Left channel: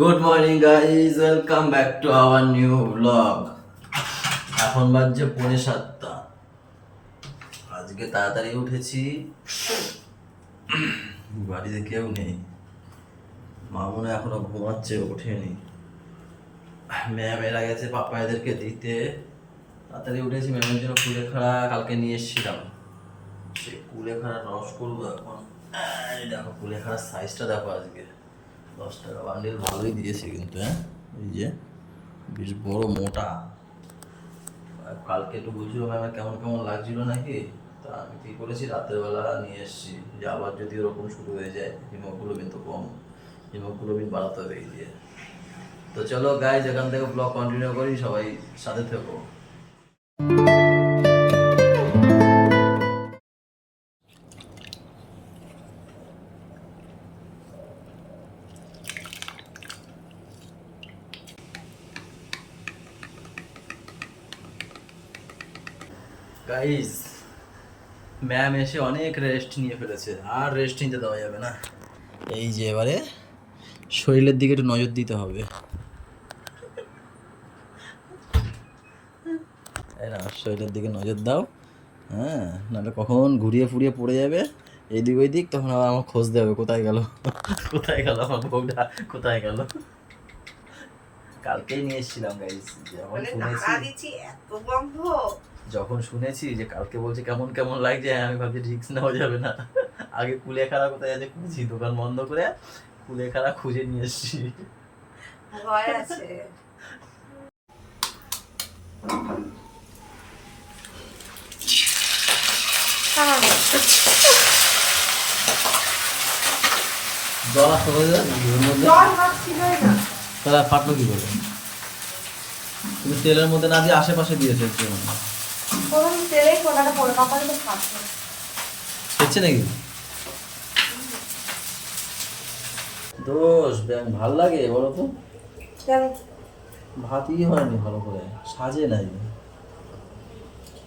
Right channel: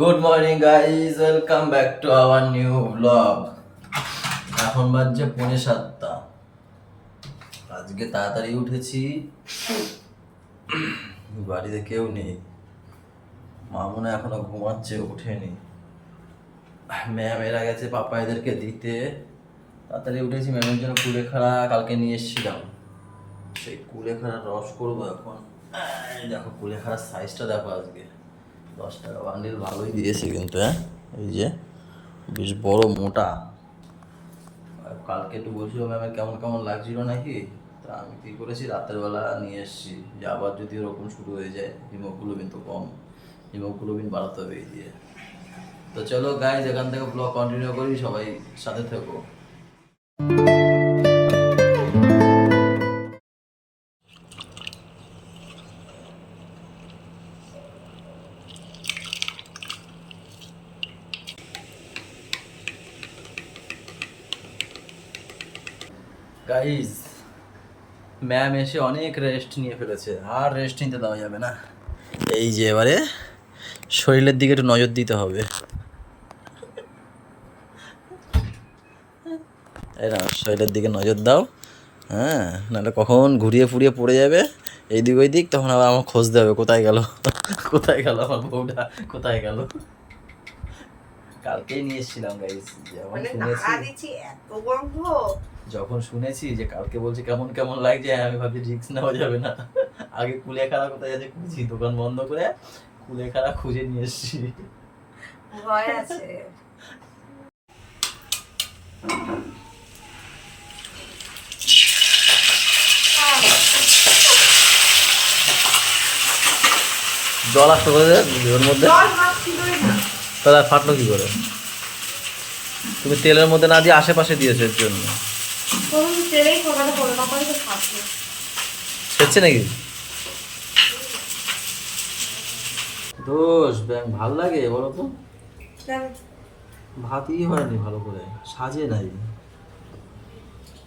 Good morning guys, welcome back to our new blog. এখন বাজছে 6:45। আজকে তাড়াতাড়ি উঠেছি, বাড়িতে কেউ নেই। মা মনে হয় এখনো ঘুমাচ্ছে, ওঠেনি। ম্যাম এরা গেছে পাপা এদেরকে দিতে। তাড়াতাড়ি উঠেছি, ম্যামের জন্য কুলেখাড়া কালকে নিয়ে এসেছিলাম। সেই কুলেখাড়ার রস করবো এখন। এই দেখো কুলেখাড়ার সাইজটা দেখো, আজকে 10 টাকা বান্ডিল ভালোই দিয়েছে কিন্তু। হ্যাঁ, এই যে বেশ বড় মোটা। আর কালকে একটু বলছিল ম্যামের কেমন কেমন লাগছিল নাকি, তা আমি কী করেছি রাতের বেলা নিয়ে এসেছি, যে আবার যদি ওরকম শুরু হয়ে যায়, হিমোগ্লোবিন তো কম, হিমোগ্লোবিন বাড়াতে হবে এই দিয়ে। তো চলো গাইজ, এখান থেকে ব্লগ কন্টিনিউ করি, সবাই সাথে থেকো। গাইজ, ম্যাম এসে অনেক রেস্ট নিয়ে ফেলেছে, আর রেস্ট নিতে দেওয়া যাবে না। এই যে এবারে শরীরের দিকে একটু নজর দিতে হবে। এই না, শরীরের দিকে নজর দাও। হ্যাঁ, নাহলে কখন ঘুরিয়ে ফুরিয়ে পড়ে যাবে এইদিক ওই দিক, তখন আবার আমার খোঁজ দেবে কোথায় গেল, কোথায় গেল আমার বউটা, কোথায় গেল। কালকেই নিয়ে এসেছিলাম গাইস, যখন শুনেছি, যখন শুনেছি যে কালকে বলছে কেমন কেমন লাগছে, আমি ভাবছি রিস্ক নেওয়া যাবে না। আগে কুলেখাড়া কোথায় আছে খুঁজি, দোকান বন্ধ করে কুলেখাড়া খুঁজে নিয়ে এসেছি। ভয় আছে। জল আসতে করে ওর মধ্যে, তাহলে আর ফাটলো কি করে? তুমি তেলের মধ্যে না দিয়ে আশেপাশে দিয়েছো এর জন্য। সেচ্ছে নাকি? দোষ ব্যাং ভাল লাগে বলো তো? ভাতই হয়নি ভালো করে, সাজে নাই।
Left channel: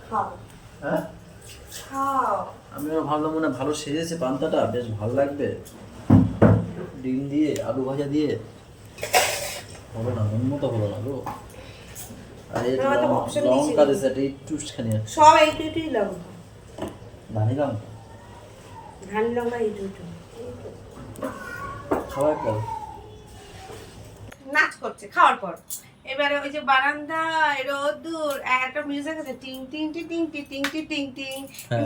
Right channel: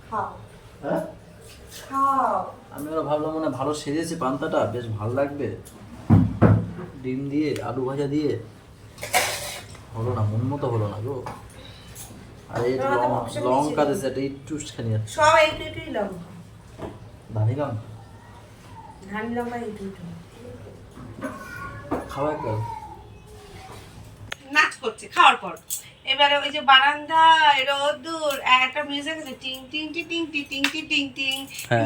হ্যাঁ, আমি ওরা ভাবলাম মনে হয় ভালো সেজেছে পান্তাটা, বেশ ভালো লাগবে ডিম দিয়ে আলু ভাজা দিয়ে। হলো না, মন মতো হলো না গো। আর এই লঙ্কা দিয়েছে, একটা একটু খানি সব এইটুই লঙ্কা, ধানি লঙ্কা ধানি লঙ্কা এইটুই খাবার পর নাচ করছে খাওয়ার পর। এবারে ওই যে বারান্দা রোদ্দুর একটা মিউজিক আছে, টিং টিং টি টিং টি টিং টি টিং টিং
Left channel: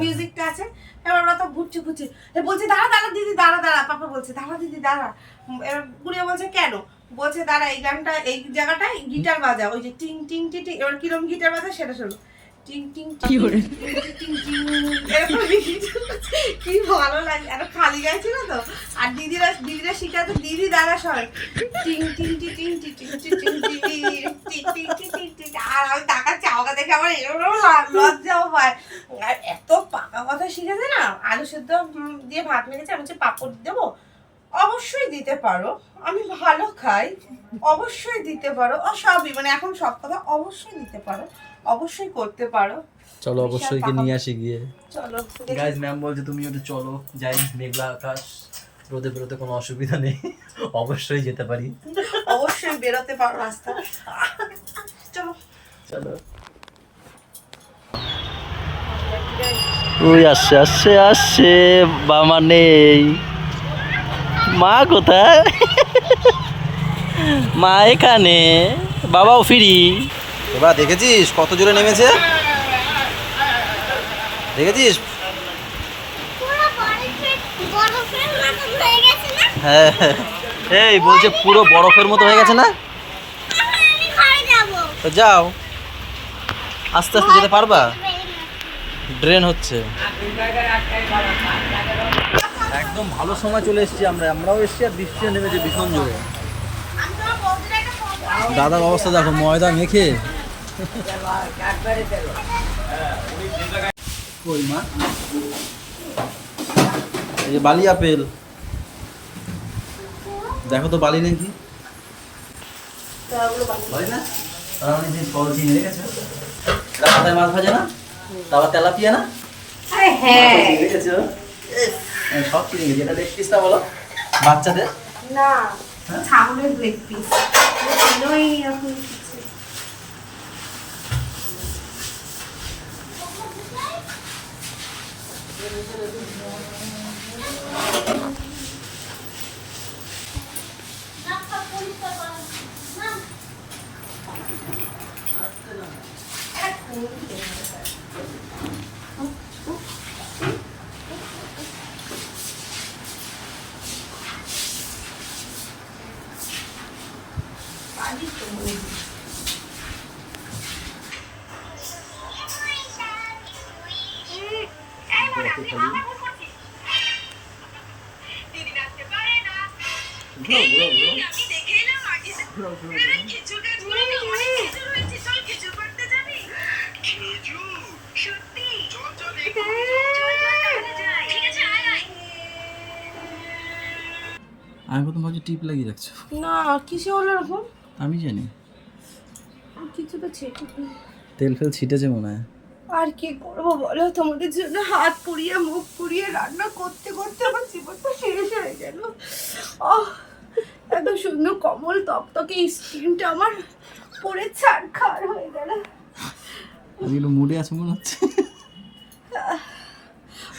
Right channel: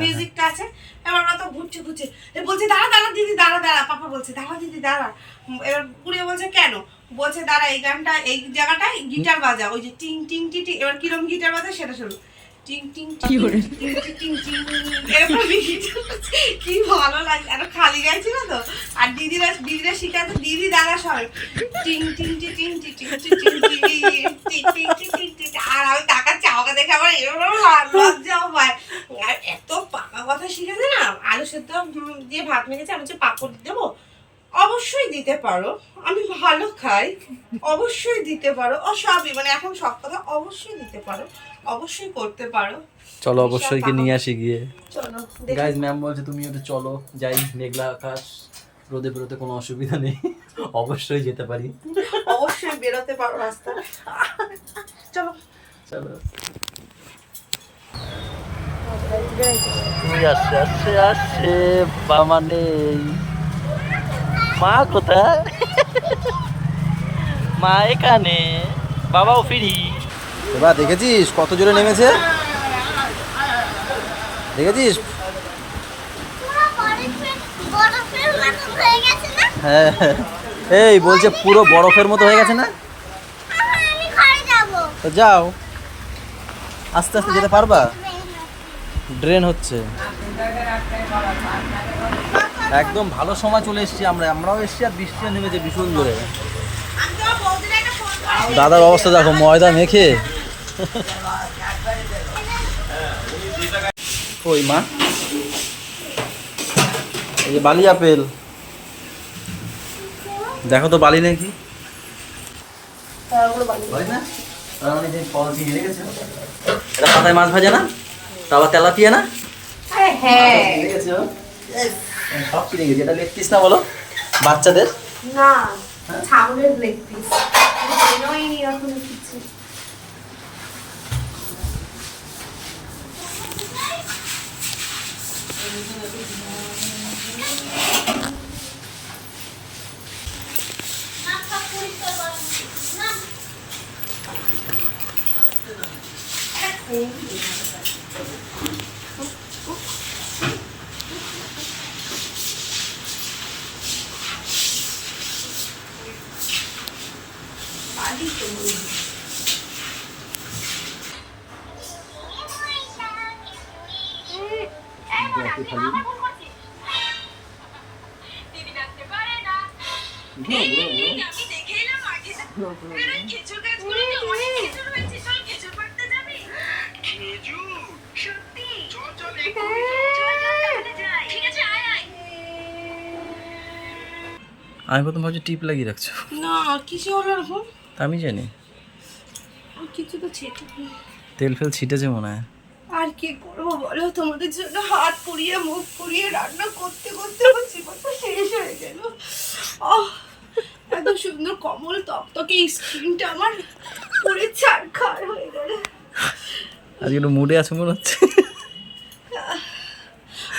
মিউজিকটা আছে। এবার ওরা তো ঘুরছে ঘুরছে, বলছে দাঁড়া দাঁড়া দিদি দাঁড়া দাঁড়া, পাপা বলছে দাঁড়া দিদি দাঁড়া। এবার পুড়িয়ে বলছে কেন, বলছে দাঁড়া এই গানটা এই জায়গাটায় গিটার বাজা, ওই যে টিং টিং টি টিং। এবার কিরম গিটার বাজা সেটা শোনো, টিং টিং টিং টিং টিং। কি ভালো লাগে, আর খালি গাইছিল তো, আর দিদিরা শিখাতে দিদি দাদা সরে টিং টিং টি টিং টি টিং টি টিং টি টিং টিং টি টিং টি। আর আমি তাকাচ্ছি, আমাকে দেখে আমার এরকম লজ্জাও হয়। আর এত পাকা কথা শিখেছে না, আলু সিদ্ধ দিয়ে ভাত মেখেছে, আমি হচ্ছে পাঁপড় দেবো, অবশ্যই দিতে পারো, আমি ভালো খাই, অবশ্যই দিতে পারো, ও সবই মানে এখন সব কথা অবশ্যই দিতে পারো, অবশ্যই করতে পারো। চলো অবশ্যই কি নিয়ে আসি গিয়ে। চলো গাইজ, ম্যাম বলছে তুমি একটু চলো যাই, মেঘলা আকাশ, রোদে বেরোতে কোনো অসুবিধা নেই, অবশ্যই যেতে পারি, অবশ্যই বেরোতে পারো রাস্তা। চলো চলো। ওই আসছে আসছে আসছে, বাবা নেই, মা কোথায়? মা এখানে, বাবাও ফিরি। এবার দেখেছিস কত জোরে নেমেছে, দেখেছিস? হ্যাঁ, এই বলছে পুরো বরফের মতো হয়ে গেছে না, তো যাও, আস্তে আস্তে যেতে পারবা, ড্রেন হচ্ছে। একদম ভালো সময় চলে এসেছি আমরাও এসেছি, আর বৃষ্টিও নেমেছে ভীষণ জোরে। দাদার অবস্থা দেখো, ময়দা মেখে। ওই মা, এই যে বালি আপেল, দেখো তো বালি নাকি, বালি না, তার মানে যে ফল দিয়ে রেখেছে, এটা পাতায় মাছ ভাজে না, তারপর তেলাপিয়া না, দেখেছো? সব কিনে গেছি, এটা লেগ পিস না বলো বাচ্চাদের? না ছাগলের লেগ পিস ওই এখন কিছু আমি প্রথম ভাবছি টিপ লাগিয়ে রাখছো। না কিসে হলো এরকম আমি জানি কিছু তো ছেটে তেল ফেল ছিটেছে মনে হয়। আর কি করবো বলো, তোমাদের জন্য হাত পুড়িয়ে মুখ পুড়িয়ে রান্না করতে করতে আমার জীবনটা শেষ হয়ে গেল। এত সুন্দর কমল তকতকে স্কিনটা আমার পুরে ছাড়খাড় হয়ে গেল। আজকে একটু মুডে আছে মনে হচ্ছে।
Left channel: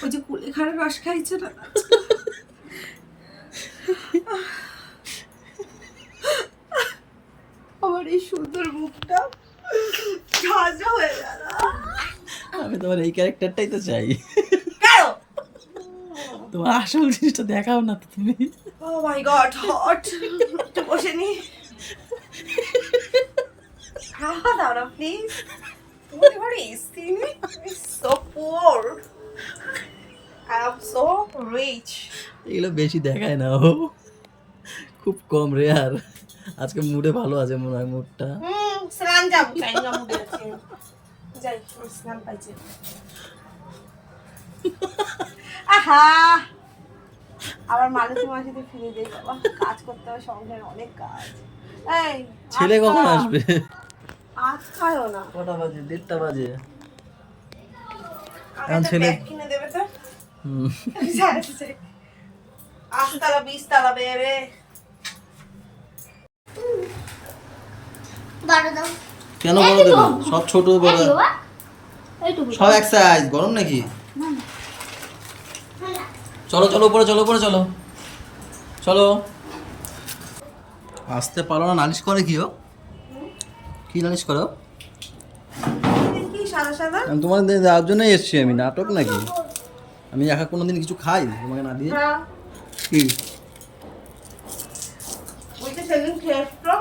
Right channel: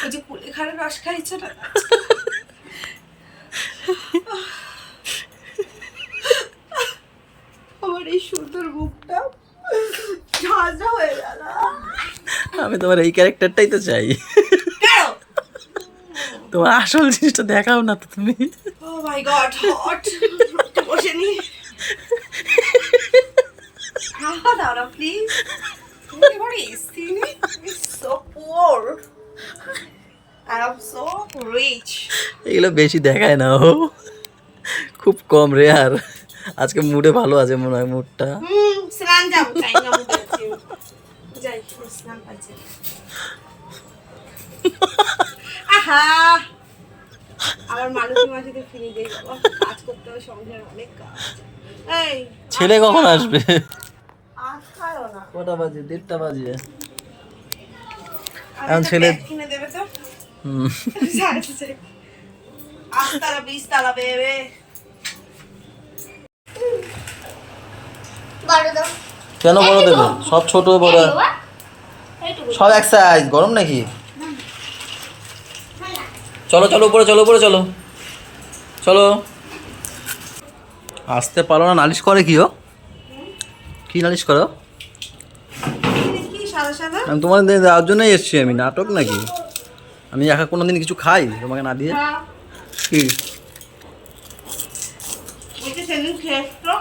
ওই যে কুলেখাড়া রস খাইছো না, আমার এই সুন্দর মুখটা ঝাঁঝা হয়ে গেল। আমি তোমার এই ক্যারেক্টারটাই তো চাই। তোমার আসল জিনিসটা দেখাও না তো তুমি। ও মাই গড, হট বসে নি হাওয়া দাও না প্লিজ। তুমি এবার এসি নি, so poor, I am so rich. এগুলো বেশি দেখায় না ও, খুব কম রেয়ার। আজকে মুডে ভালো আছে মনে হয় মুডটা। স্নান যাবো তাই না মুডে আছে, যাই স্নান পাইছে। আহা আবার মালতী মাসিতে ফিরে যাই বাবা, কাজ করতে হবে, সংসারে অনেক কাজ। এই ছেলে কখন আসবে? আজ খাও না, কটা বাজে? 1:30 বাজে। এখন ছেলে কিনে দেবে তো। হুম, আস্তালা 20 তালা বেবে কেন বড় দেবে? সব ছোট বড় সব এক সাইজ। গরম নাকি? চলো চলো উপরে চলো, উপরে চলো চলো। আসতে পারো না, নালিশ করে কি ও? কি নালিশ করো? কি সাদা সাদা? আমি তোমার দেওয়ার জন্যই এসছি। আমি নাটক নাকি? আমি একা কোনোদিন কিছু খাই তোমাকে না দিয়ে? হ্যাঁ কি ওইটা সেদিন খেয়েছো?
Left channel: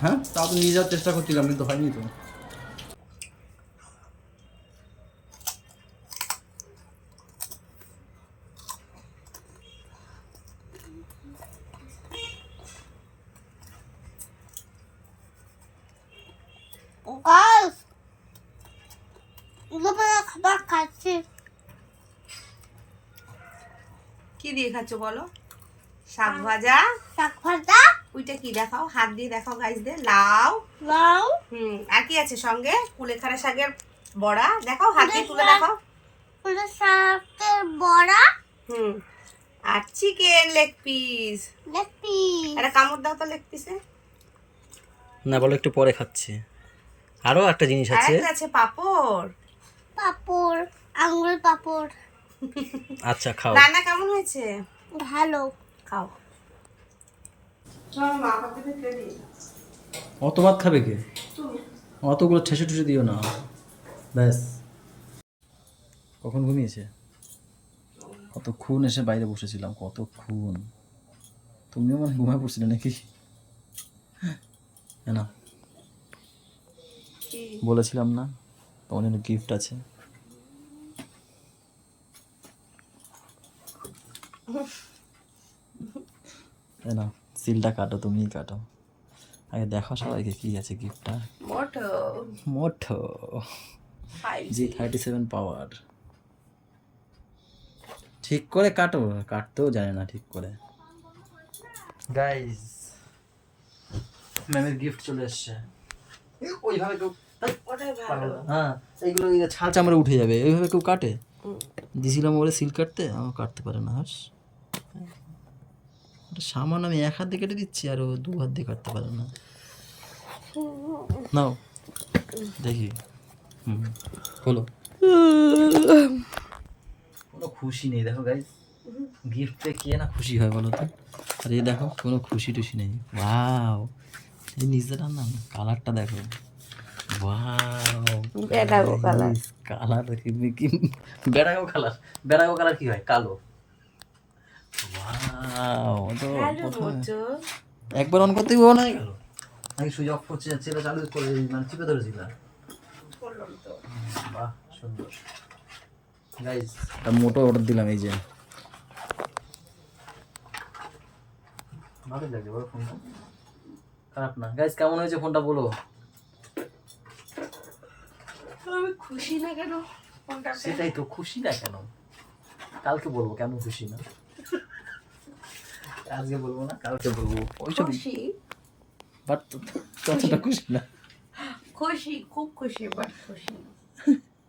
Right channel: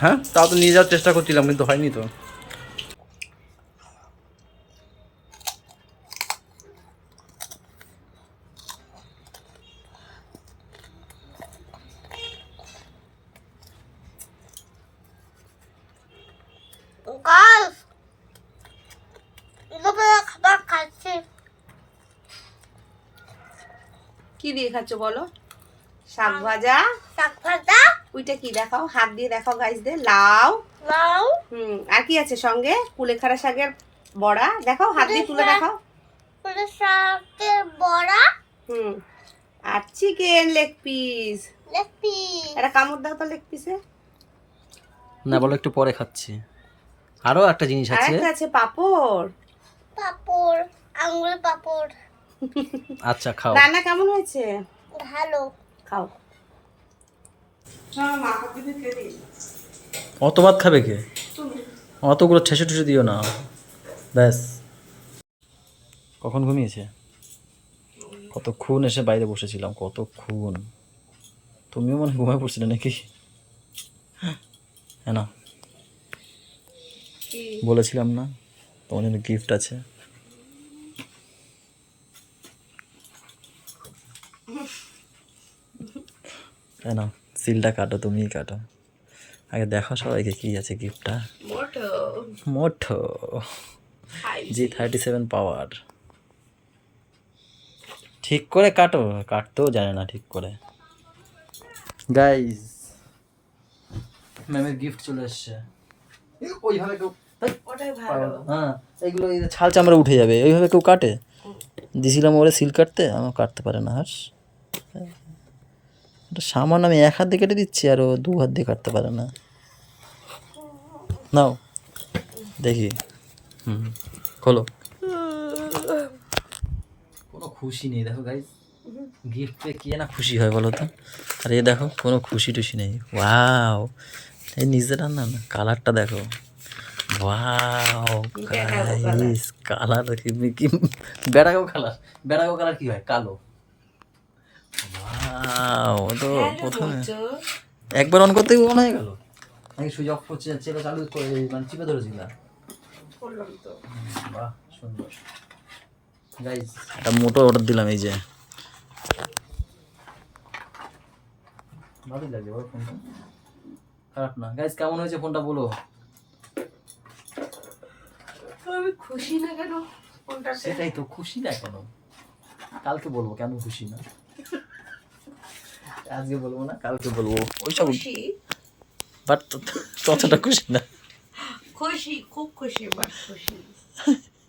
হ্যাঁ, তাও তো নিয়ে যাওয়ার চেষ্টা করছিলাম কিন্তু হয়নি তো। গাইস দুপুরে খাবার খাচ্ছি। কি দিয়ে খাচ্ছ বলো? শাক ভাজা। শাক ভাজা, ওইটা কি দেখাও, হাত দিয়ে দেখাও গাইসদের। লাউ। লাউ, আর কি আছে সঙ্গে? কুলেখাড়া শাকের বড়া দেখাও, হাত দিয়ে তুলে দেখাও। পুরো শাকের বড়া, আর chicken leg piece. Leg piece, একটা কামড় দাও তো লেগ পিসে। না বলো, একটু পরে খাচ্ছি। আরও একটা জিনিস আছে। আরেকটা আছে পাপড়। পাপড়, আঙুর পাপড়। আচ্ছা খাও। রান্না কেমন হয়েছে? ভালো। খাও। মা কাপে খেয়ে দিই। অত ভাত খাবে কে? অতগুলো ঠেসে ঠেসে দিও না, ব্যাস। কখন ঘুমিয়েছে? কতক্ষণ এসে বাইরে বসেছিলাম, কতক্ষণ। তুমিও মনে ঘুমায় পড়ছিলে নাকি? হ্যাঁ না, বলেছিলাম না তোমার জন্য গিফট আছে। তাই না, সিলটা কাটো, তুমিই কাটো। আগে দেখো সবাইকে কি আছে গিফটটা। মোটো G37 পাওয়ার। ঠিক করে কাটো, কাটতেও জানে না ঠিক করে। গাইস, ম্যামের গিফট চলে এসছে। ওইভাবে কেউ, হ্যাঁ এইগুলো এই ছাল চামড়া উঠে যাবে, ওইভাবে কেউ কাটে? দিছিলাম ওরে সিল কাটতে, আমার কাটতে পারে না। হাস, ওটা সামান্য আমি এক হাত দিয়ে কেটে দিচ্ছি আর ও দু হাত দিয়ে কাটতে পারে না। নাও দেখি, খোলো। কোনো খুশি নেই দেখো গাইস, গিফট পেয়ে কে না খুশি হয় বলো তো? আর এ দেখো কোনো খুশি টুশি নেই। ওয়াও, এই নিজের রান্না না, কালারটা দেখো। ওয়াও গাইস, কালার কি বেড়াগো কালার, বেড়াগো কালার কি হয়? কালো। ওয়াও, তো প্রথমে একবার অন করতেই অন হয়ে গেল নাকি সুইচ অফ করছে চেলা চালু করে মানে চিপে ধরেছিল? বাহ সুন্দর গাইস, একটা মোটর অর্ডার দিলাম, এই যে ভালোই লাগছে বলো, ফোনটা খারাপ না। গাইস কেমন হয়েছে ফোনটা বলো? আমি খুশি না কেন ফোনটা? সেটাই তো, খুশি না কেন? কালকে বলবো কেন খুশি না, আজকে বলবো না, কালকে বলবো। ওইসব খুশি, বাট ততটা খুশি না। খুশি, খুব খুশি, বাট খুশি না।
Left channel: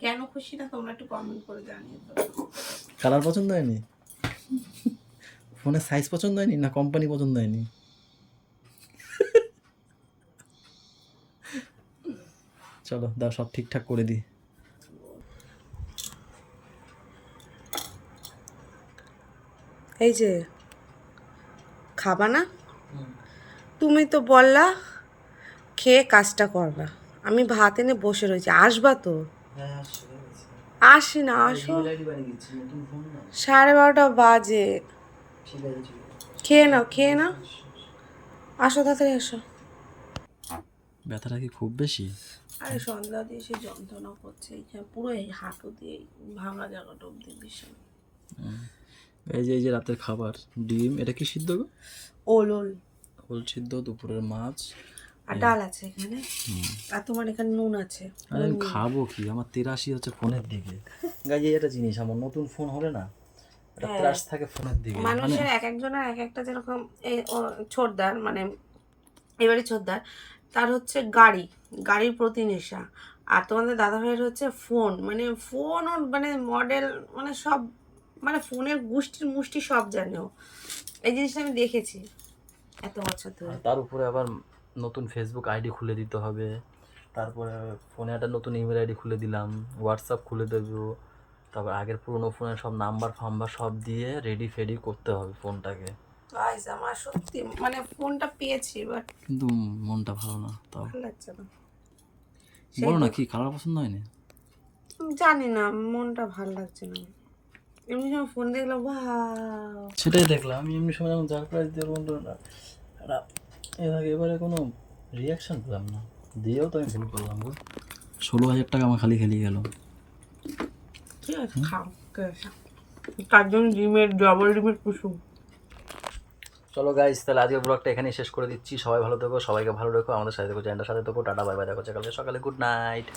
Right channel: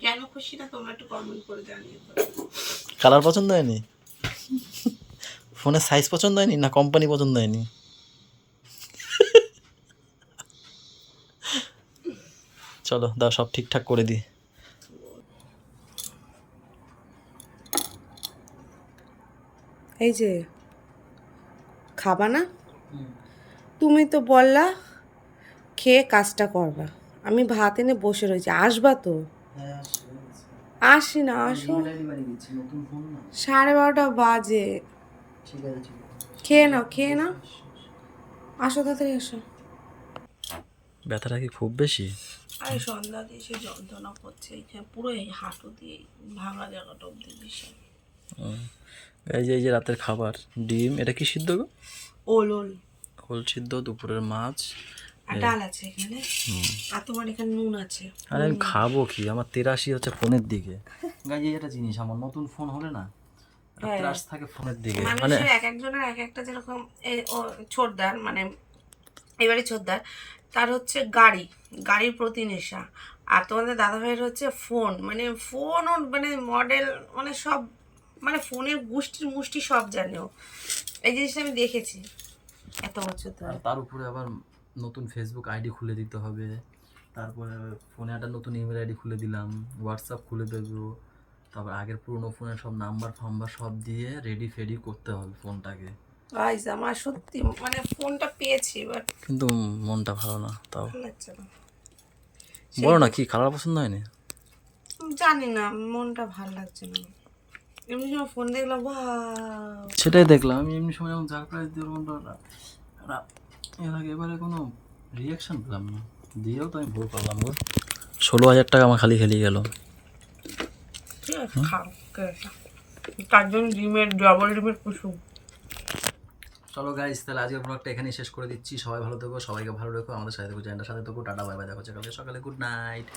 কেন খুশি না তোমরা একটু কমেন্ট করে জানিয়ে দাও। কালার পছন্দ হয়নি, ফোনের সাইজ পছন্দ হয়নি, না কোম্পানি পছন্দ হয়নি? চলো দাও, সব ঠিকঠাক করে দিই। এই যে খাবা না, তুমি তো বললা খেয়ে কাজটা করবা, আমি ভাত এনে বসে রয়েছি, আসবা তো? আসি না, আসো। 12:30 বাজে, খেয়ে নাও, খেয়ে নাও, আসো তাড়াতাড়ি আসো। ব্যথাটা কি খুব বেশি? আরে সন্ধ্যা দিয়ে সে যন্ত্রণা করছে, এইখানে পুরো এই হাঁটু দিয়ে ভাঙা জায়গাটা অব্দি ভীষণ। এই যে এই যে রাতের খাবার, ডিম, এটা কি সিদ্ধ গো? ওল ওল ওল সিদ্ধ, দুপুরের মাছ আর ডাল আছে এখানে, আর তোমার এখানে নুন আছে। আরে আমি খাবো কি, আমার 83 হচ্ছে ফোনের দিকে। গাই একটা জিনিস, আমার নতুন ফোন হলে না একটা ত্রাস থাকে ফোনের দিকে। মানে মানুষের এক একজনের এক একটা, যেরকম ছোটদার মানে এবারে ছোটদার, তার হচ্ছে গাড়ির প্রতি নেশা, আর তোমাদের দাদা ভাইয়ের হচ্ছে ফোন, মানে ফোন মানে মডেল মানে সব, মানে ফোনের মুষ্টি সব জানেও। এই জিনিসটা আমি দেখেছি এত বছর ধরে। আর তার উপরে আবার নতুন ফেসবুক আইডি খুলে দিতে হবে, তারপরে ফোনে একটা নতুন ইমেল আইডি খুলে দিলাম, হোয়াটসঅ্যাপ খুলে দেবো, তারপর আগের পুরনো ফোনের সব নাম্বার ফাম্বার সব দিয়ে রেডি ফেডি করতে হবে ফোনটাকে। গাইস আমার সত্যি মানে ফোনটা পেয়েছি, বাট কিন্তু মনটা ভালো না, তাও ভালো লাগছে না। বলো না কি কালার পছন্দ হয়নি? জানি না, মনটা ভালো লাগছে না। এমনি সময় ফোন দেখলাম, বাহ, সেটাই দেখলাম আমি, এমনি সময় যেমন সারপ্রাইজ দিয়ে এবারে কোনো রিয়াকশন পেলাম না, দিয়েও তো আমি ভুল করলাম গো। 16,000 টাকা আমার খালি খেলিয়ে গেল। ঠিক আছে খাও, তার জন্য ডবল ডিমের কুসুম। চলো গাইস, তাহলে আজকের ব্লগটা এখানেই শেষ করে দিচ্ছি। সবাই ভালো থেকো, সবাইকে ভালো রেখো, আমাদের সাথে থেকো, চ্যানেলটার সাথে থেকো। টাটা বাই বাই, দেখা হচ্ছে কালকে সকালে। Good night.